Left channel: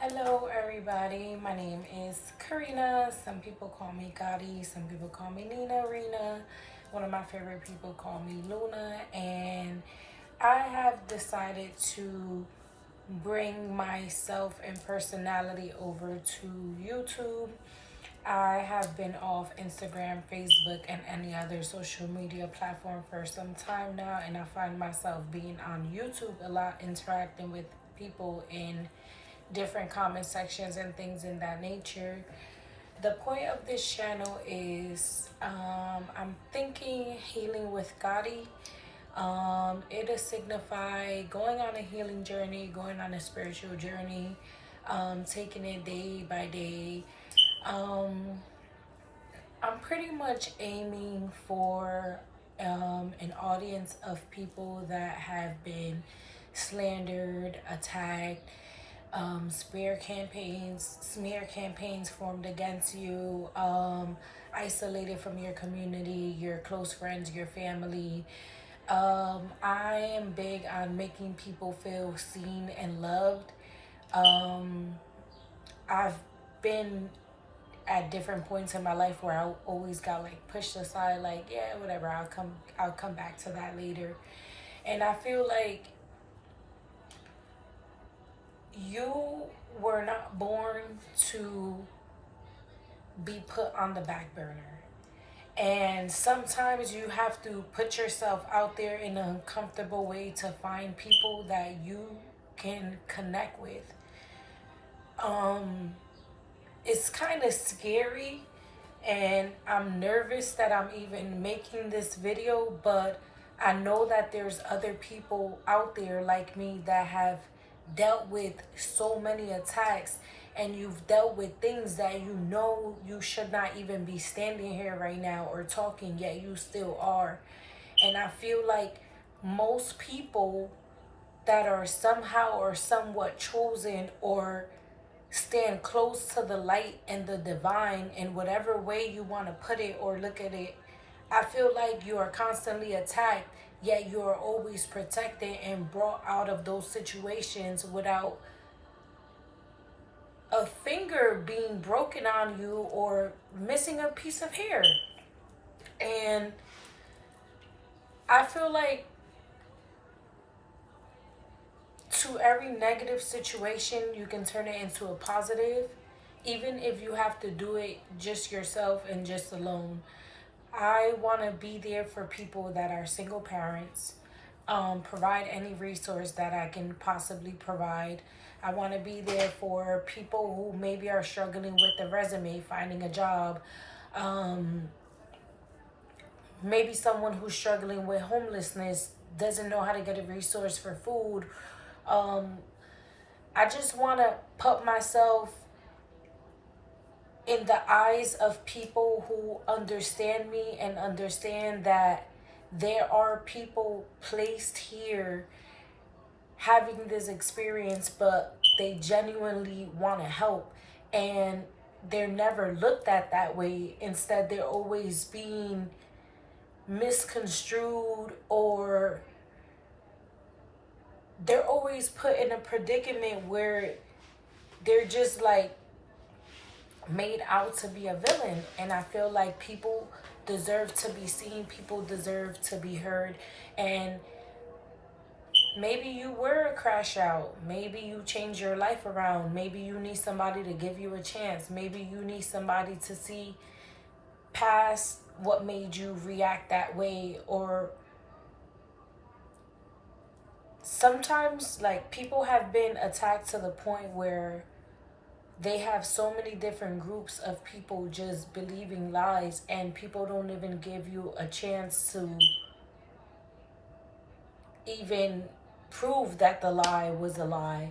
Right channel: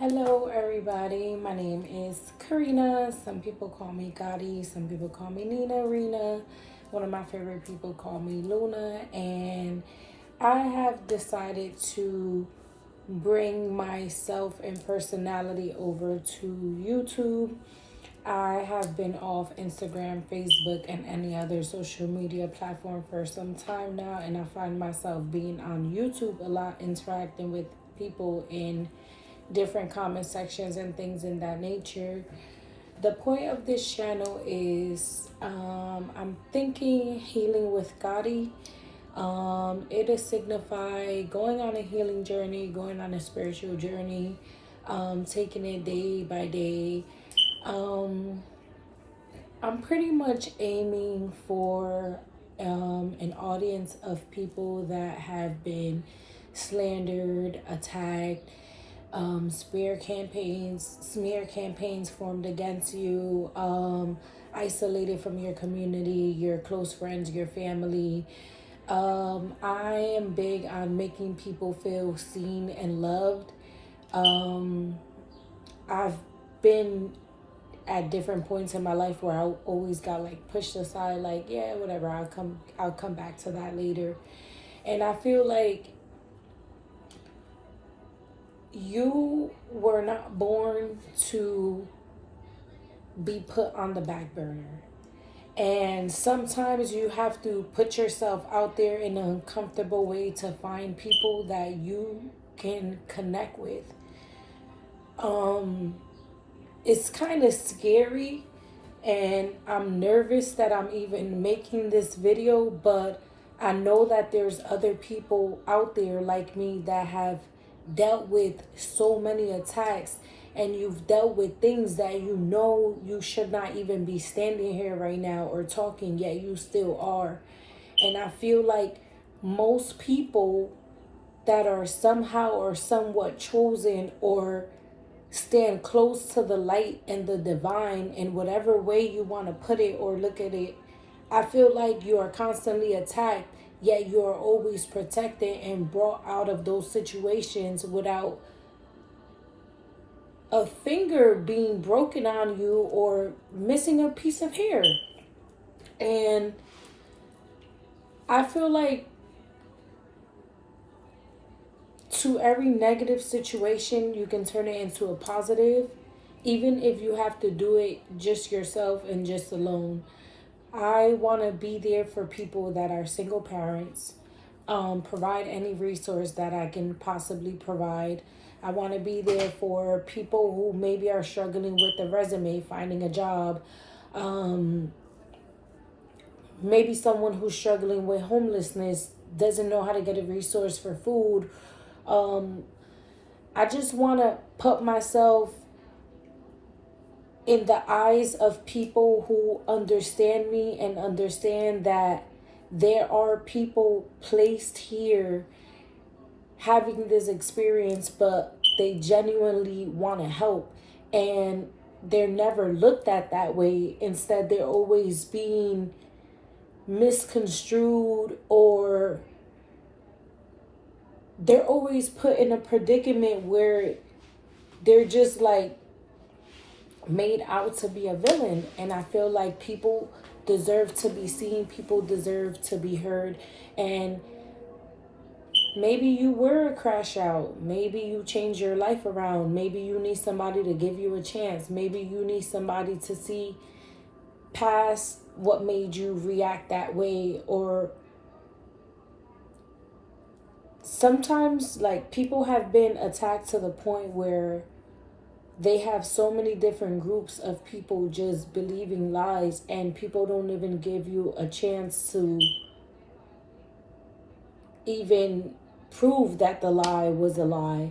Hello, everybody. My name is Karina. Some people call me Gotti. Some people call me Nina Rena. One of my favorite people call me Luna. And I have decided to bring myself and personality over to YouTube. I have been off Instagram, Facebook, and any other social media platform for some time now, and I find myself being on YouTube a lot, interacting with people in different comment sections and things in that nature. The point of this channel is I'm thinking healing with Gotti. It'll signify going on a healing journey, going on a spiritual journey, taking it day by day. I'm pretty much aiming for an audience of people that have been slandered, attacked, smear campaigns formed against you, isolated from your community, your close friends, your family. I am big on making people feel seen and loved. I've been at different points in my life where I always got like pushed aside, like, yeah, whatever, I'll come back to that later. And I feel like you were not born to be put on the back burner. And sometimes you have to put yourself out there in an uncomfortable way to find people that you can connect with. It's kind of scary, and I'm nervous that I'm even making this video, but I know that there's other people out there like me that have dealt with so many attacks, and you've dealt with things that you know you should not even be standing here right now or talking, yet you still are. And I feel like most people that are somehow or somewhat chosen or stand close to the light and the divine in whatever way you want to put it or look at it, I feel like you are constantly attacked, yet you are always protected and brought out of those situations without a finger being broken on you or missing a piece of hair. And I feel like to every negative situation, you can turn it into a positive, even if you have to do it just yourself and just alone. I want to be there for people that are single parents, provide any resource that I can possibly provide. I want to be there for people who maybe are struggling with the resume, finding a job. Maybe someone who's struggling with homelessness doesn't know how to get a resource for food. I just want to put myself in the eyes of people who understand me and understand that there are people placed here having this experience, but they genuinely want to help, and they're never looked at that way. Instead, they're always being misconstrued, or they're always put in a predicament where they're just like made out to be a villain. And I feel like people deserve to be seen, people deserve to be heard. And maybe you were a crash out, maybe you changed your life around, maybe you need somebody to give you a chance, maybe you need somebody to see past what made you react that way. Or sometimes, like, people have been attacked to the point where they have so many different groups of people just believing lies, and people don't even give you a chance to even prove that the lie was a lie.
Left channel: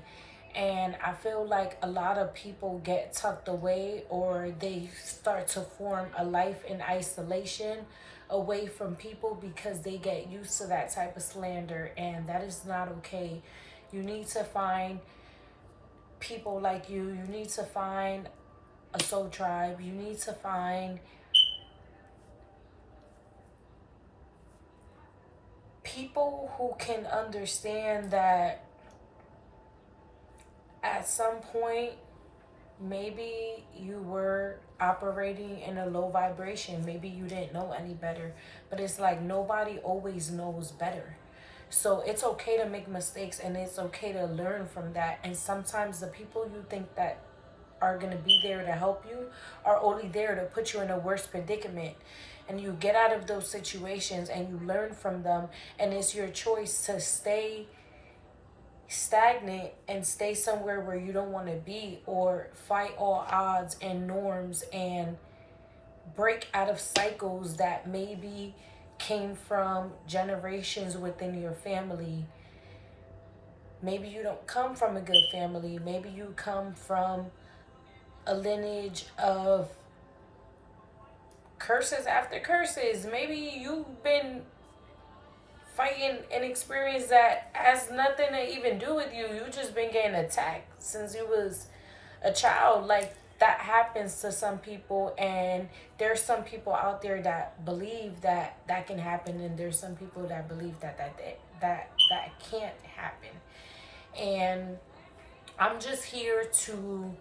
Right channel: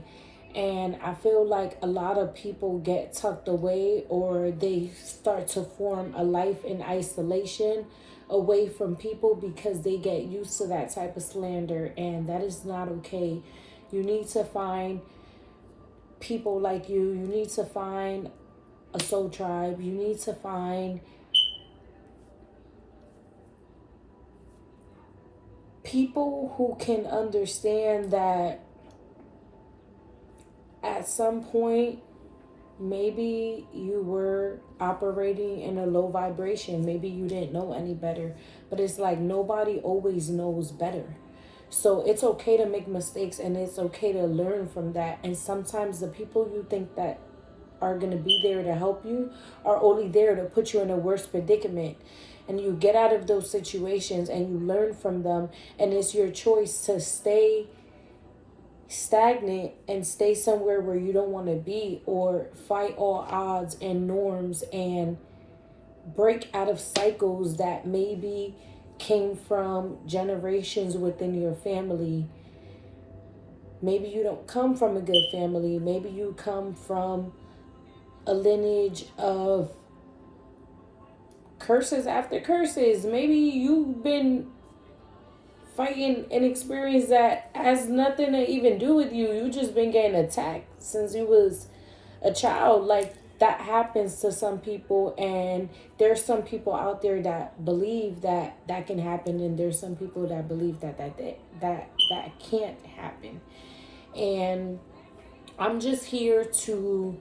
And I feel like a lot of people get tucked away, or they start to form a life in isolation away from people because they get used to that type of slander, and that is not okay. You need to find people like you need to find a soul tribe, you need to find people who can understand that at some point, maybe you were operating in a low vibration. Maybe you didn't know any better. But it's like nobody always knows better. So it's okay to make mistakes and it's okay to learn from that. And sometimes the people you think that are going to be there to help you are only there to put you in a worse predicament. And you get out of those situations and you learn from them. And it's your choice to stay stagnant and stay somewhere where you don't want to be, or fight all odds and norms and break out of cycles that maybe came from generations within your family. Maybe you don't come from a good family. Maybe you come from a lineage of curses after curses. Maybe you've been fighting an experience that has nothing to even do with you. You just been getting attacked since you was a child. Like, that happens to some people, and there's some people out there that believe that that can happen, and there's some people that believe that can't happen. And I'm just here to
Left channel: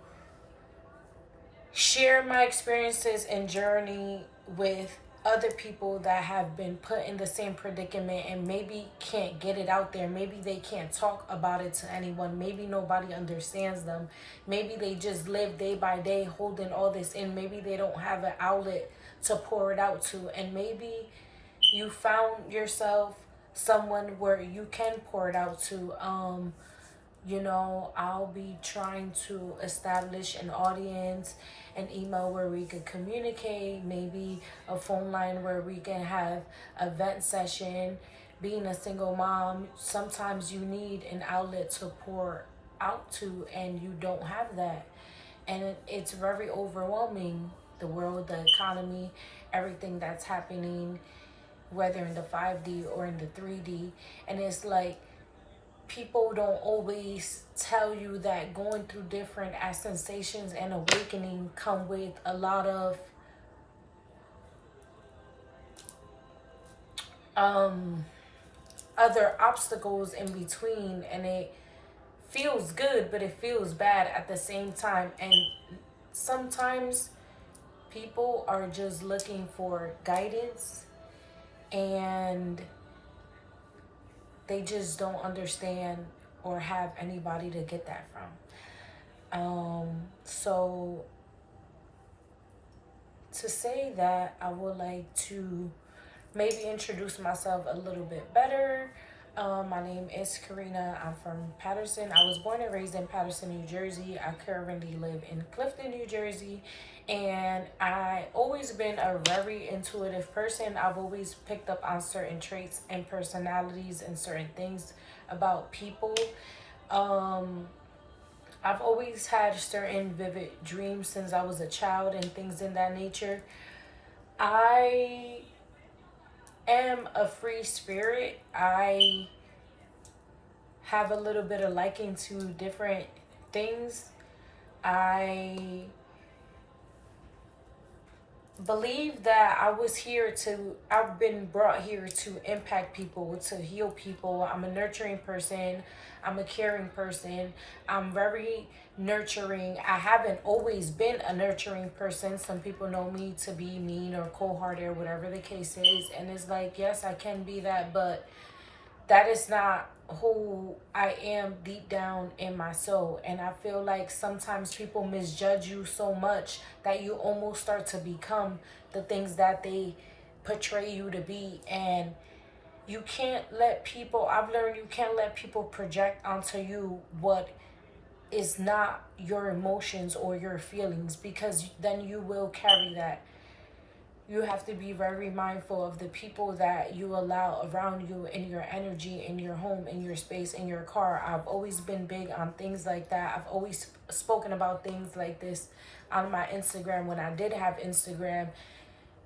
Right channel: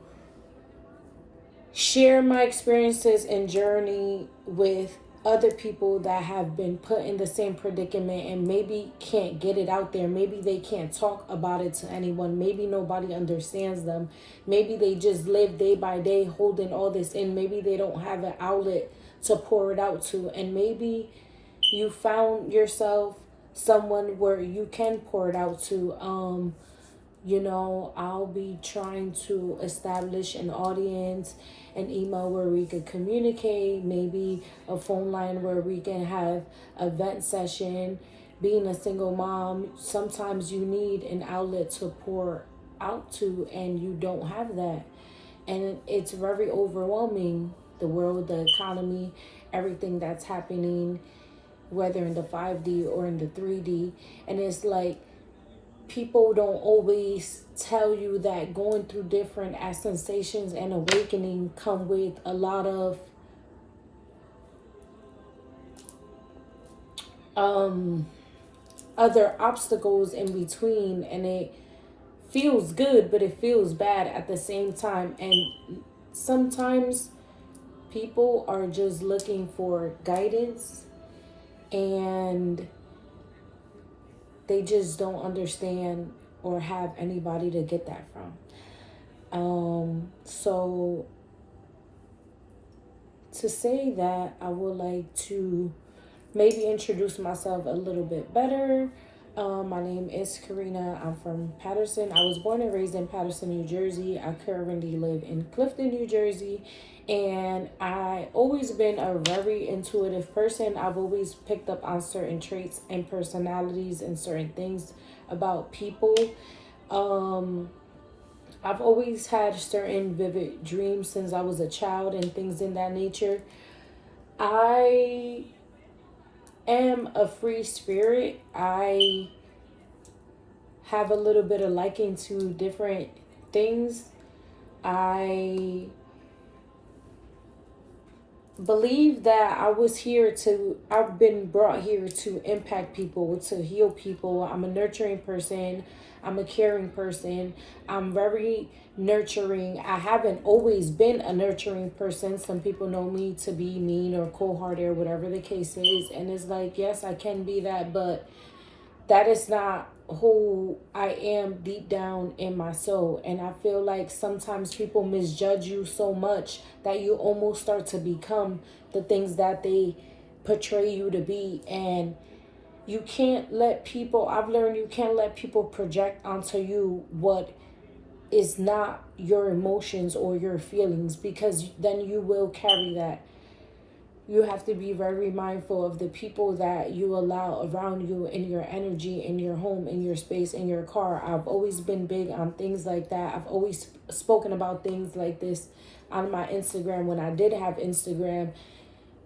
share my experiences and journey with other people that have been put in the same predicament and maybe can't get it out there. Maybe they can't talk about it to anyone. Maybe nobody understands them. Maybe they just live day by day holding all this in. Maybe they don't have an outlet to pour it out to. And maybe you found yourself someone where you can pour it out to. I'll be trying to establish an audience, an email where we could communicate, maybe a phone line where we can have a vent session. Being a single mom, sometimes you need an outlet to pour out to, and you don't have that. And it's very overwhelming, the world, the economy, everything that's happening, whether in the 5D or in the 3D. And it's like, people don't always tell you that going through different sensations and awakening come with a lot of other obstacles in between, and it feels good but it feels bad at the same time. And sometimes people are just looking for guidance, and they just don't understand or have anybody to get that from. So to say that, I would like to maybe introduce myself a little bit better. My name is Karina. I'm from Paterson. I was born and raised in Paterson, New Jersey. I currently live in Clifton, New Jersey. And I always been a very intuitive person. I've always picked up on certain traits and personalities and certain things about people. I've always had certain vivid dreams since I was a child and things in that nature. I am a free spirit. I have a little bit of liking to different things. I believe that I've been brought here to impact people, to heal people. I'm a nurturing person. I'm a caring person. I'm very nurturing. I haven't always been a nurturing person. Some people know me to be mean or cold-hearted or whatever the case is. And it's like, yes, I can be that, but that is not who I am deep down in my soul. And I feel like sometimes people misjudge you so much that you almost start to become the things that they portray you to be. And you can't let people, I've learned you can't let people project onto you what is not your emotions or your feelings, because then you will carry that. You have to be very mindful of the people that you allow around you, in your energy, in your home, in your space, in your car. I've always been big on things like that. I've always spoken about things like this on my Instagram when I did have Instagram,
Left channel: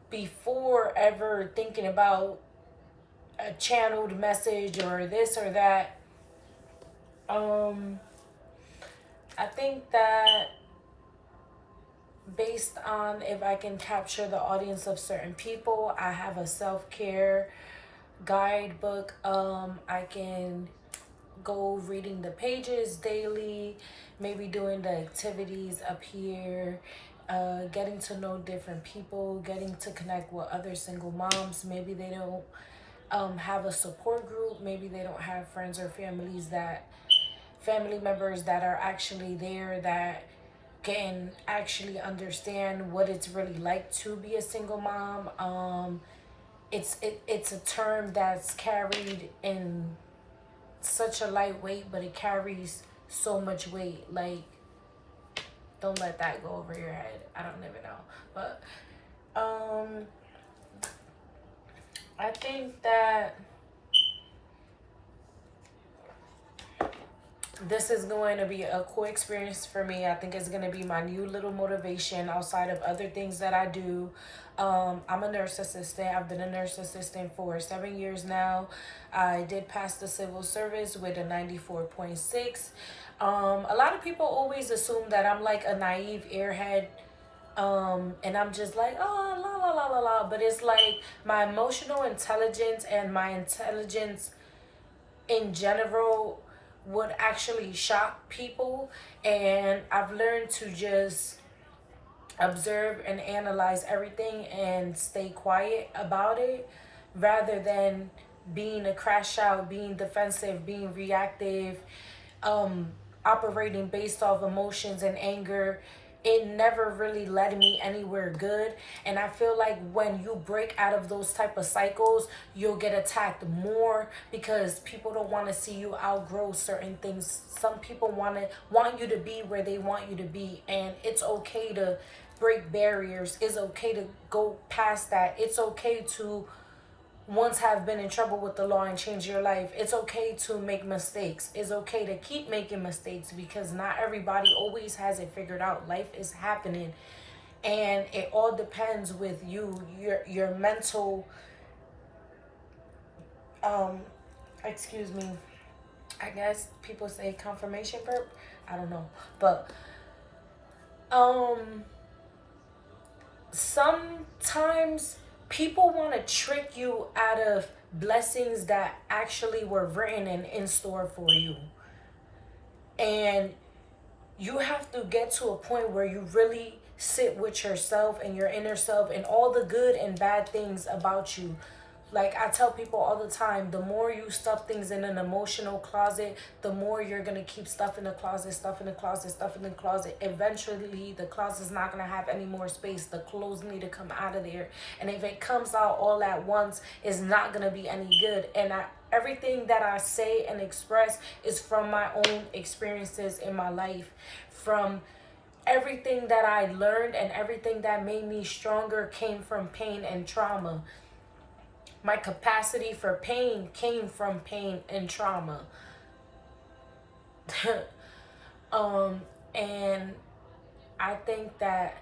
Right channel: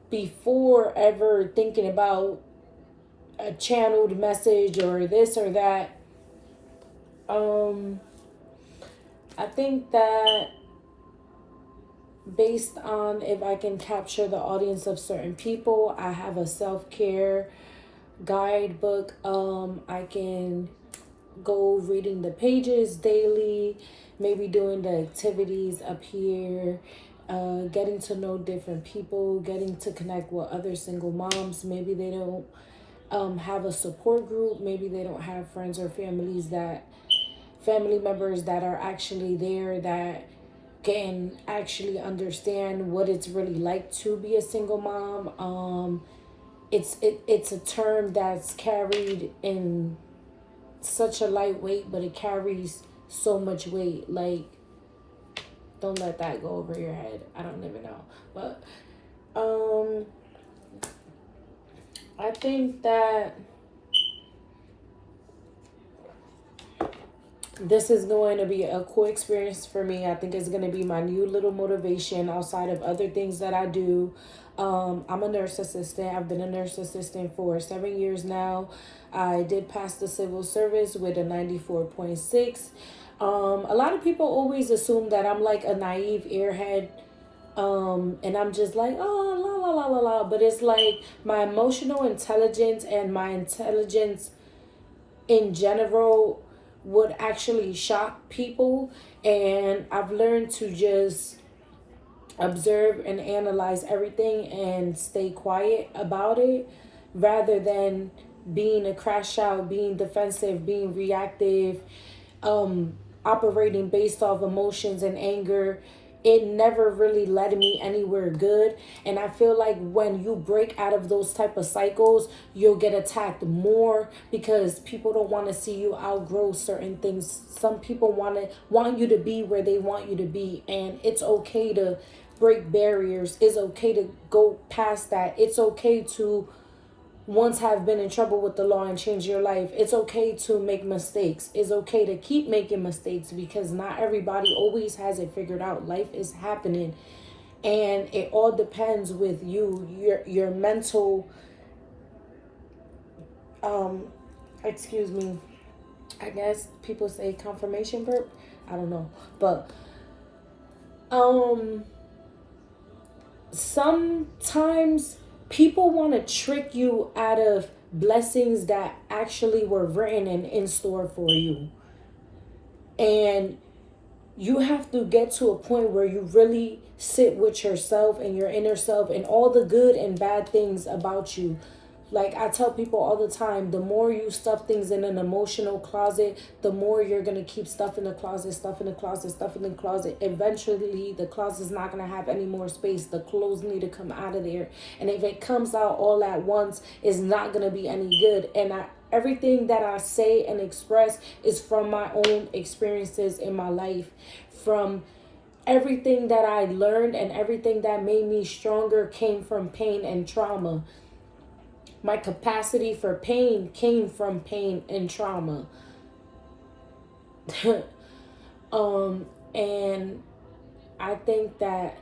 before ever thinking about a channeled message or this or that. I think that based on if I can capture the audience of certain people, I have a self-care guidebook. I can go reading the pages daily, maybe doing the activities up here, getting to know different people, getting to connect with other single moms. Maybe they don't have a support group. Maybe they don't have friends or family members that are actually there that can actually understand what it's really like to be a single mom. It's a term that's carried in such a light weight, but it carries so much weight. Like, don't let that go over your head. I don't even know, but I think that this is going to be a cool experience for me. I think it's going to be my new little motivation outside of other things that I do. I'm a nurse assistant. I've been a nurse assistant for 7 years now. I did pass the civil service with a 94.6. A lot of people always assume that I'm like a naive airhead. And I'm just like, oh, la, la, la, la, la. But it's like my emotional intelligence and my intelligence in general would actually shock people. And I've learned to just observe and analyze everything and stay quiet about it rather than being a crash out, being defensive, being reactive, operating based off emotions and anger. It never really led me anywhere good. And I feel like when you break out of those type of cycles, you'll get attacked more because people don't want to see you outgrow certain things. Some people want you to be where they want you to be, and it's okay to break barriers. It's okay to go past that. It's okay to once have been in trouble with the law and change your life. It's okay to make mistakes. It's okay to keep making mistakes because not everybody always has it figured out. Life is happening, and it all depends with you, your mental excuse me, I guess people say confirmation verb, I don't know, but sometimes people want to trick you out of blessings that actually were written and in store for you. And you have to get to a point where you really sit with yourself and your inner self and all the good and bad things about you. Like I tell people all the time, the more you stuff things in an emotional closet, the more you're going to keep stuff in the closet, stuff in the closet, stuff in the closet. Eventually, the closet's not going to have any more space. The clothes need to come out of there. And if it comes out all at once, it's not going to be any good. And everything that I say and express is from my own experiences in my life, from everything that I learned, and everything that made me stronger came from pain and trauma. My capacity for pain came from pain and trauma. And I think that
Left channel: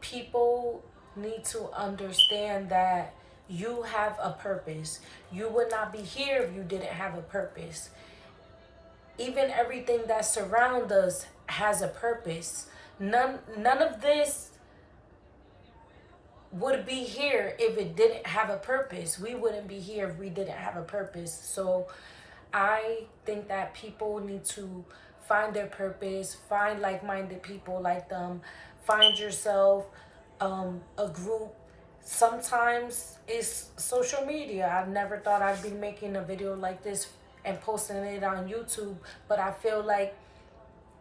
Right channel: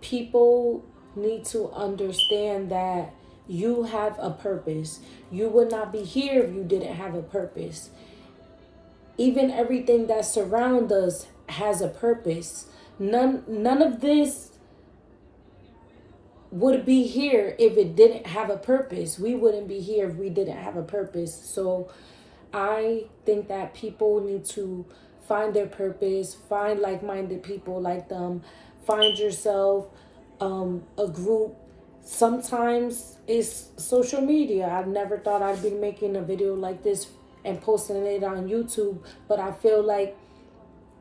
people need to understand that you have a purpose. You would not be here if you didn't have a purpose. Even everything that surrounds us has a purpose. None of this would be here if it didn't have a purpose. We wouldn't be here if we didn't have a purpose. So I think that people need to find their purpose, find like-minded people like them, find yourself a group. Sometimes it's social media. I never thought I'd be making a video like this and posting it on YouTube, but I feel like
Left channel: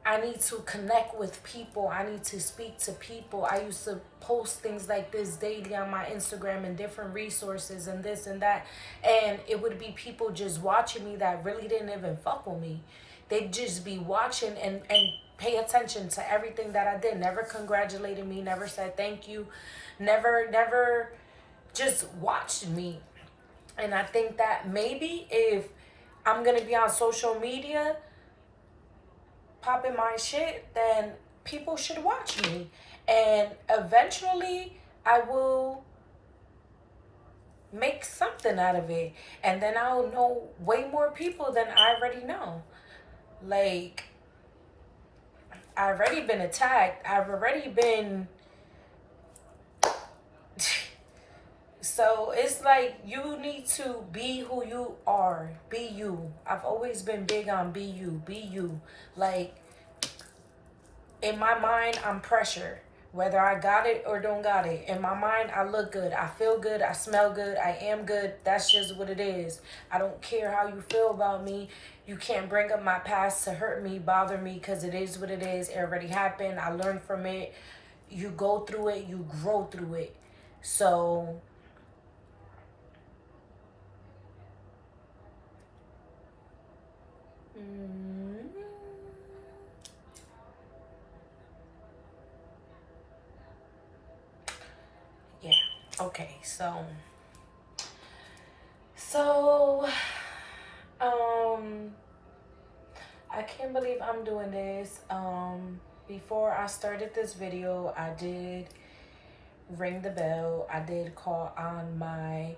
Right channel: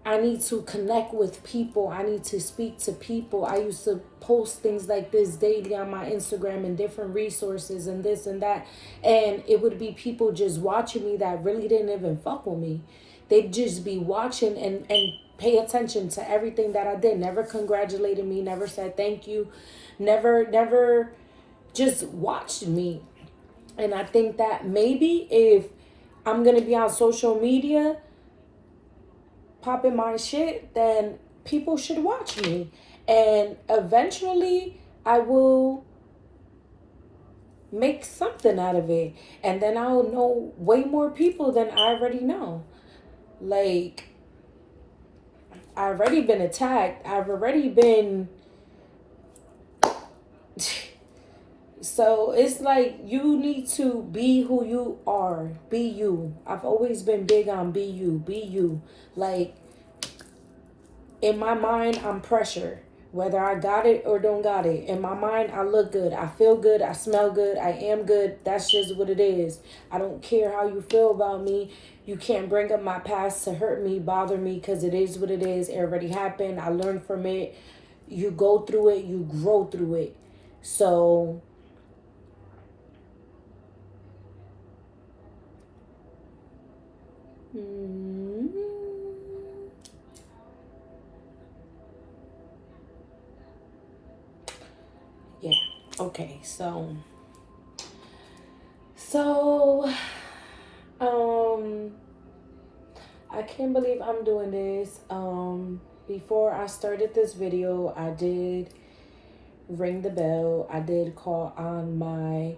I need to connect with people. I need to speak to people. I used to post things like this daily on my Instagram and different resources and this and that. And it would be people just watching me that really didn't even fuck with me. They'd just be watching and pay attention to everything that I did. Never congratulated me, never said thank you, never just watched me. And I think that maybe if I'm going to be on social media popping my shit, then people should watch me. And eventually I will make something out of it. And then I'll know way more people than I already know. Like, I've already been attacked. I've already been So it's like you need to be who you are. Be you. I've always been big on be you. Be you. Like, in my mind, I'm pressure. Whether I got it or don't got it. In my mind, I look good. I feel good. I smell good. I am good. That's just what it is. I don't care how you feel about me. You can't bring up my past to hurt me, bother me, because it is what it is. It already happened. I learned from it. You go through it. You grow through it. So mm, yeah. Okay. So um I can't believe I'm doing this. Before I started this video, I did ring the bell. I did call on my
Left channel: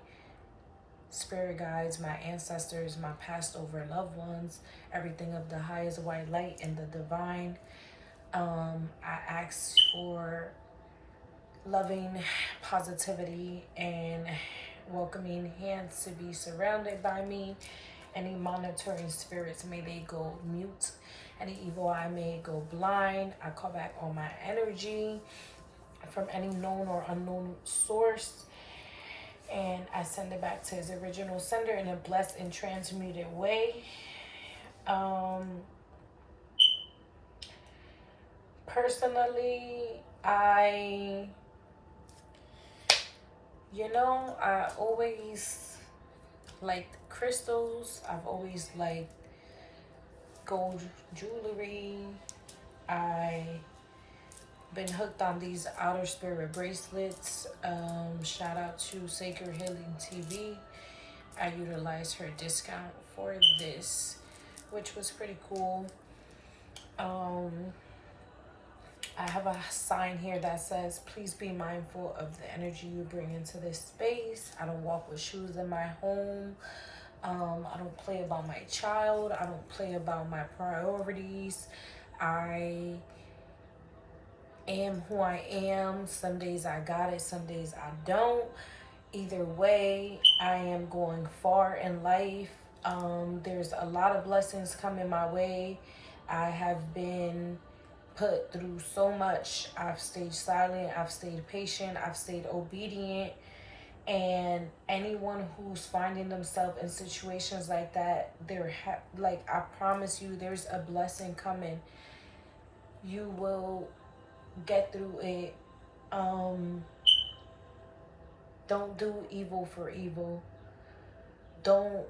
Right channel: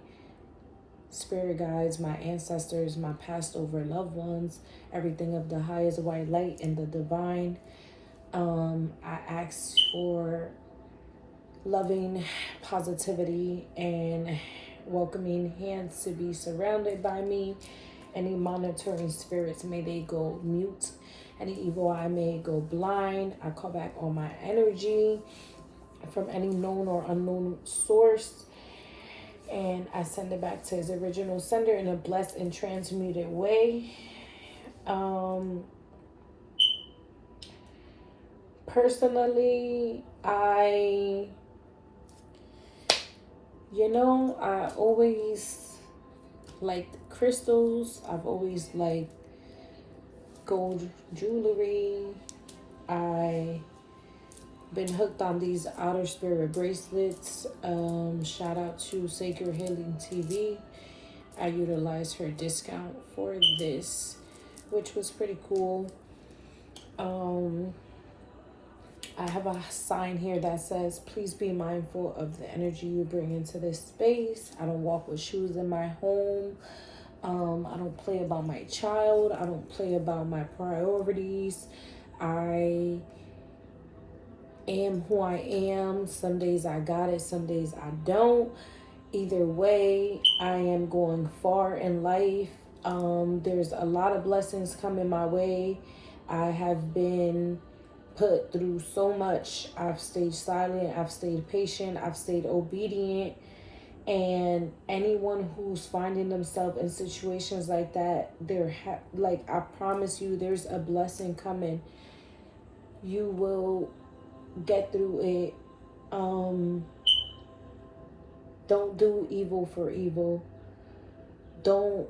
spirit guides, my ancestors, my passed over loved ones, everything of the highest white light and the divine. I asked for loving positivity and welcoming hands to be surrounded by me. Any monitoring spirits, may they go mute. Any evil eye may go blind. I call back all my energy from any known or unknown source, and I send it back to his original sender in a blessed and transmuted way. Personally, I always liked crystals. I've always liked gold jewelry. I been hooked on these outer spirit bracelets. Shout out to Sacred Healing TV. I utilized her discount for this, which was pretty cool. I have a sign here that says, please be mindful of the energy you bring into this space. I don't walk with shoes in my home. I don't play about my child. I don't play about my priorities. I am who I am. Some days I got it, some days I don't. Either way, I am going far in life. There's a lot of blessings coming my way. I have been put through so much. I've stayed silent, I've stayed patient, I've stayed obedient. And anyone who's finding themselves in situations like that, I promise you, there's a blessing coming. You will get through it. Don't do evil for evil. Don't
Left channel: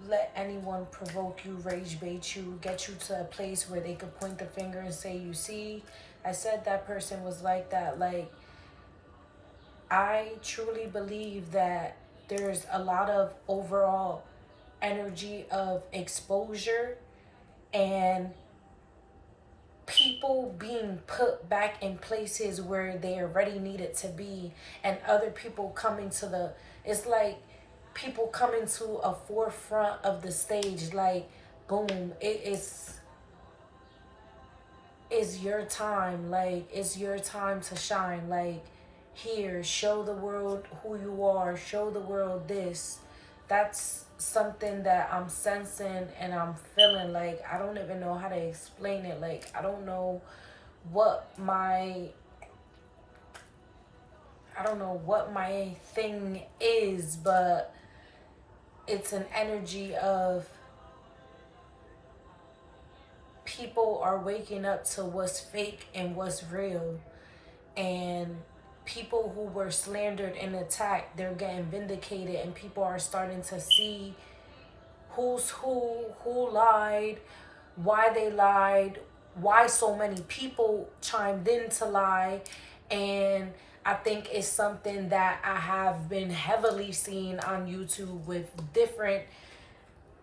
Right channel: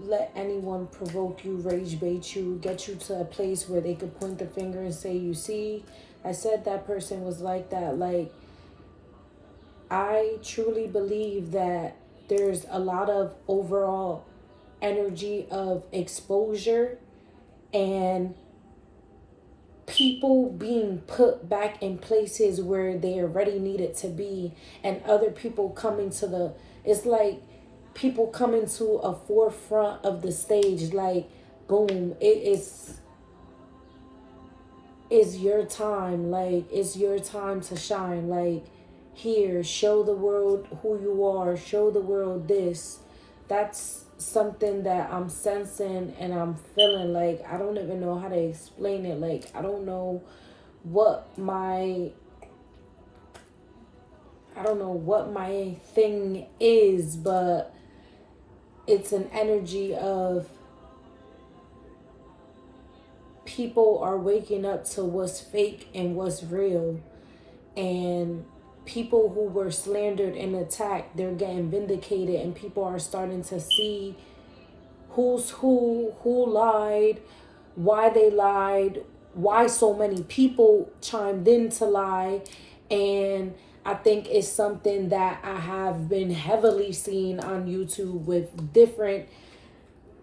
let anyone provoke you, rage bait you, get you to a place where they could point the finger and say, you see, I said that person was like that. Like, I truly believe that there's a lot of overall energy of exposure and people being put back in places where they already needed to be, and other people coming to it's like people coming to a forefront of the stage. Like, boom, it's your time. Like, it's your time to shine. Like, here, show the world who you are, show the world this. That's something that I'm sensing and I'm feeling. Like, I don't even know how to explain it. Like, I don't know what my thing is, but it's an energy of people are waking up to what's fake and what's real. And people who were slandered and attacked, they're getting vindicated, and people are starting to see who's who lied, why they lied, why so many people chimed in to lie. And I think it's something that I have been heavily seeing on YouTube with different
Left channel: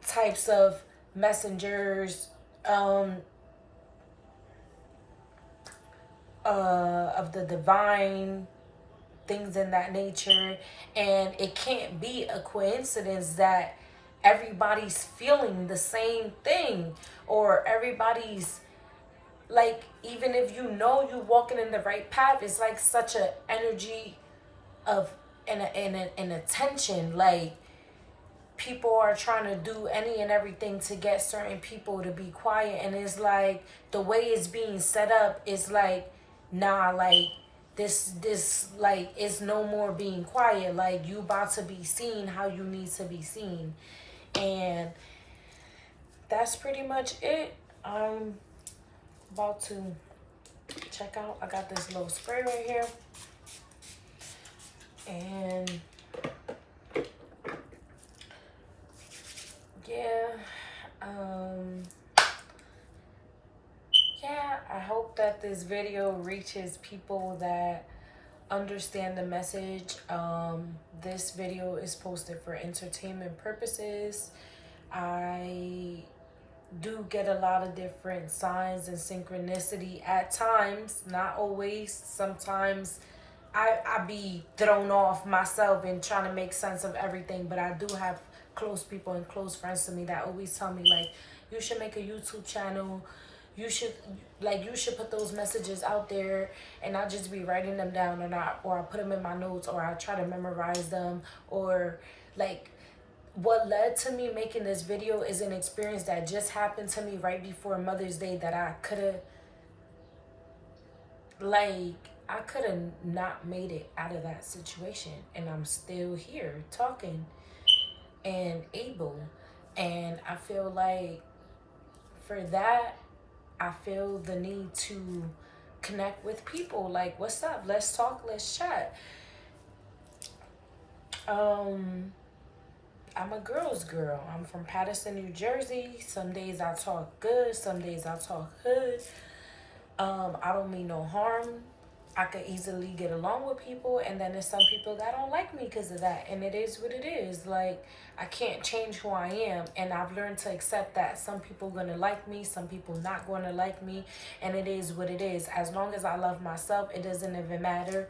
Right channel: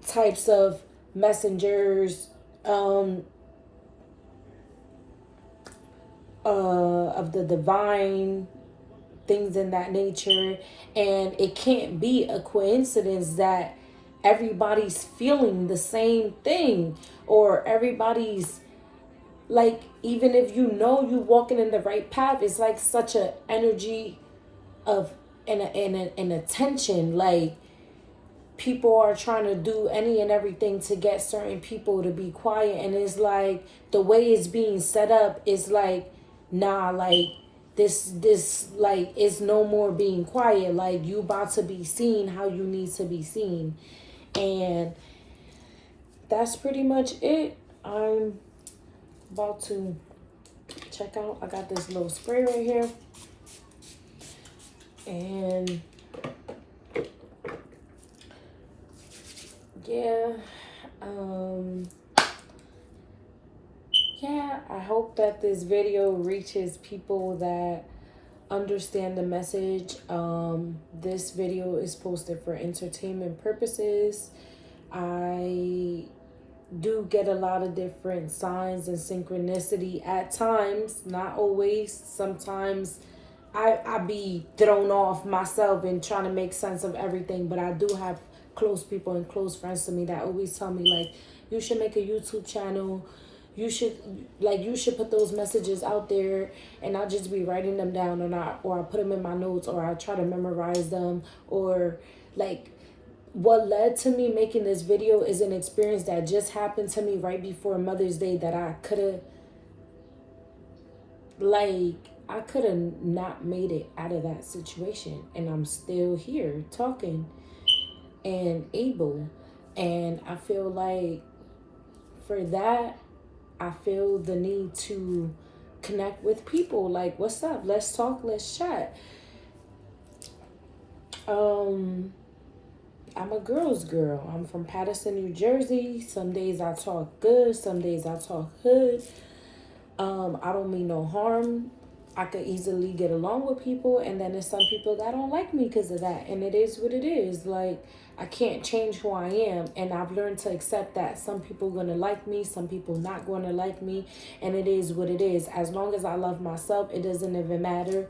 types of messengers, of the divine, things in that nature. And it can't be a coincidence that everybody's feeling the same thing, or everybody's like, even if you know you're walking in the right path, it's like such a energy of and attention. Like, people are trying to do any and everything to get certain people to be quiet, and it's like the way it's being set up is like, nah, like this like is no more being quiet. Like, you about to be seen how you need to be seen. And that's pretty much it. I'm about to check out. I got this little spray right here, and yeah, yeah, I hope that this video reaches people that understand the message. This video is posted for entertainment purposes. I do get a lot of different signs and synchronicity at times, not always. Sometimes I be thrown off myself and trying to make sense of everything, but I do have close people and close friends to me that always tell me, like, you should make a YouTube channel, you should put those messages out there. And I just be writing them down, or I put them in my notes, or I try to memorize them. Or like, what led to me making this video is an experience that just happened to me right before Mother's Day, that I could have not made it out of that situation, and I'm still here talking and able. And I feel like for that, I feel the need to connect with people. Like, what's up? Let's talk, let's chat. I'm a girl's girl. I'm from Paterson, New Jersey. Some days I talk good, some days I talk hood. I don't mean no harm. I could easily get along with people, and then there's some people that don't like me because of that, and it is what it is. Like, I can't change who I am, and I've learned to accept that some people gonna like me, some people not gonna like me, and it is what it is. As long as I love myself, it doesn't even matter.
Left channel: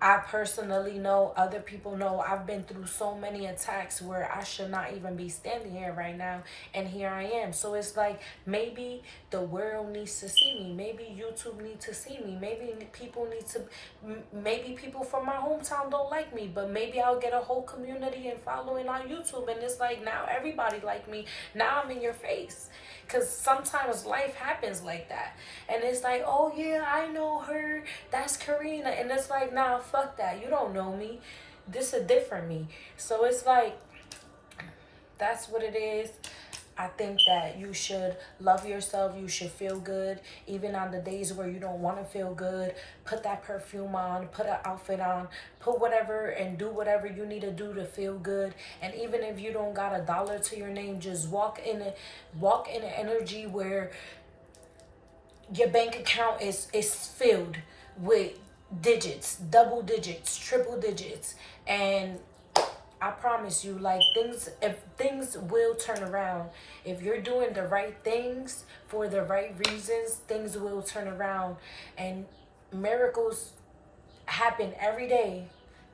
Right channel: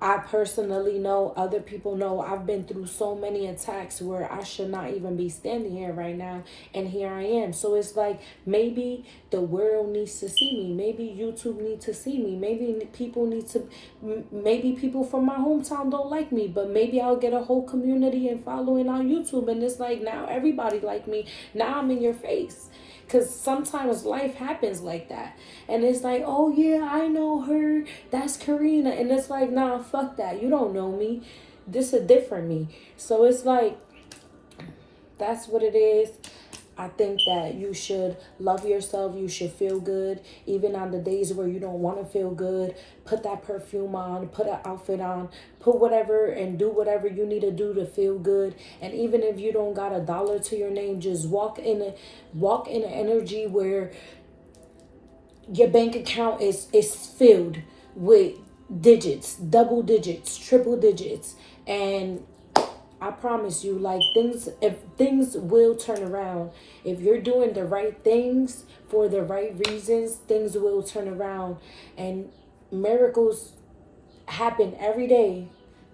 I personally know, other people know, I've been through so many attacks where I should not even be standing here right now, and here I am. So it's like, maybe the world needs to see me. Maybe YouTube needs to see me. Maybe people from my hometown don't like me, but maybe I'll get a whole community and following on YouTube, and it's like, now everybody like me. Now I'm in your face. Because sometimes life happens like that. And it's like, oh yeah, I know her. That's Karina. And it's like, nah, fuck that. You don't know me. This is a different me. So it's like, that's what it is. I think that you should love yourself. You should feel good. Even on the days where you don't want to feel good, put that perfume on, put an outfit on, put whatever and do whatever you need to do to feel good. And even if you don't got $1 to your name, just walk in an energy where your bank account is filled with digits, double digits, triple digits. And I promise you, like, things will turn around. If you're doing the right things for the right reasons, things will turn around. And miracles happen every day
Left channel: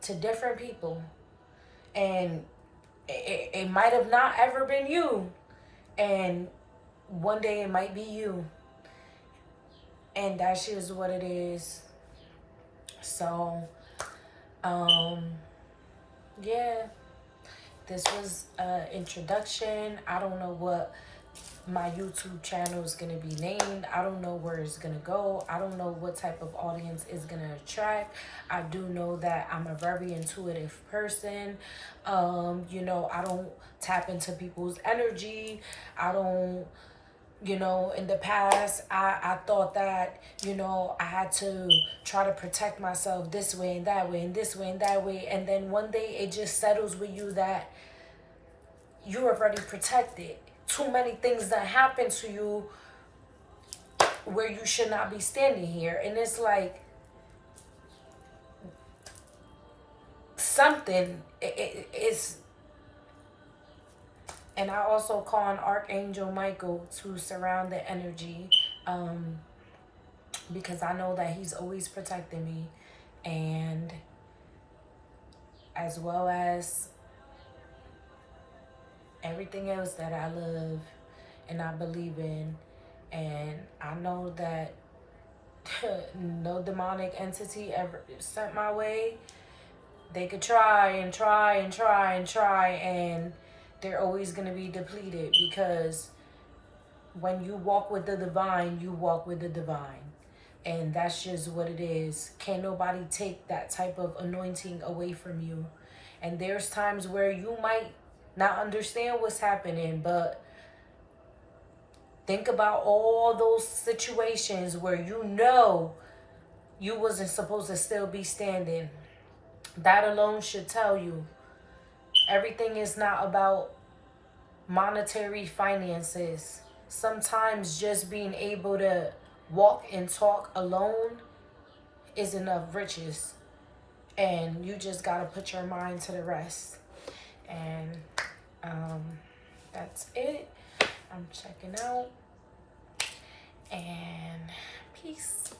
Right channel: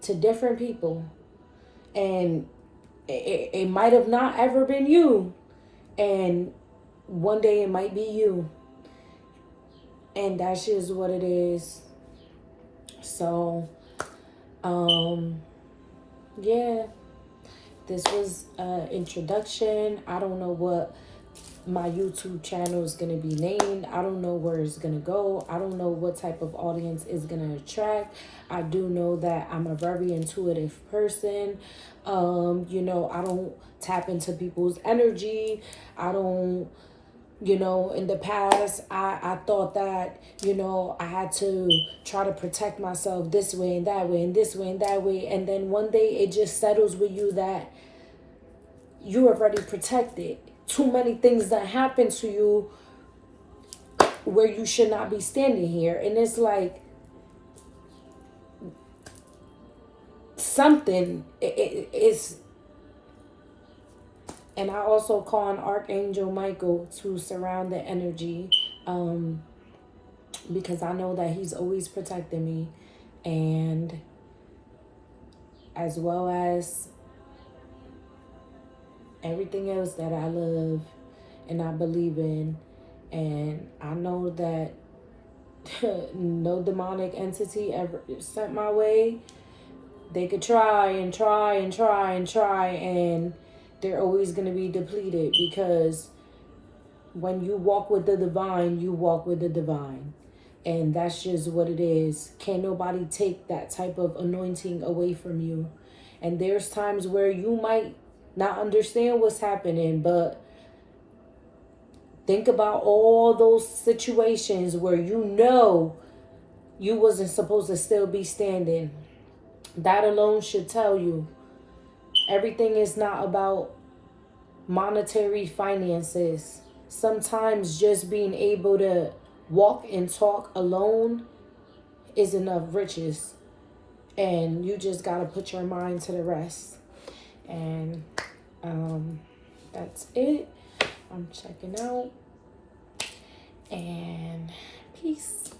to different people. And it might have not ever been you. And one day it might be you. And that's just what it is. So, yeah, this was an introduction. I don't know what my YouTube channel is going to be named. I don't know where it's going to go. I don't know what type of audience is going to attract. I do know that I'm a very intuitive person. I don't tap into people's energy. I don't, in the past, I thought that, I had to try to protect myself this way and that way and this way and that way. And then one day it just settles with you that you're already protected. Too many things that happen to you where you should not be standing here. And it's like, something is. And I also call on Archangel Michael to surround the energy, because I know that he's always protecting me, and as well as everything else that I love and I believe in. And I know that no demonic entity ever sent my way. They could try and try and try and try, and they're always going to be depleted, because when you walk with the divine, you walk with the divine. And that's just what it is. Can't nobody take that type of anointing away from you. And there's times where you might not understand what's happening, but think about all those situations where you wasn't supposed to still be standing. That alone should tell you everything is not about monetary finances. Sometimes just being able to walk and talk alone is enough riches. And you just got to put your mind to the rest. And that's it. I'm checking out. And peace.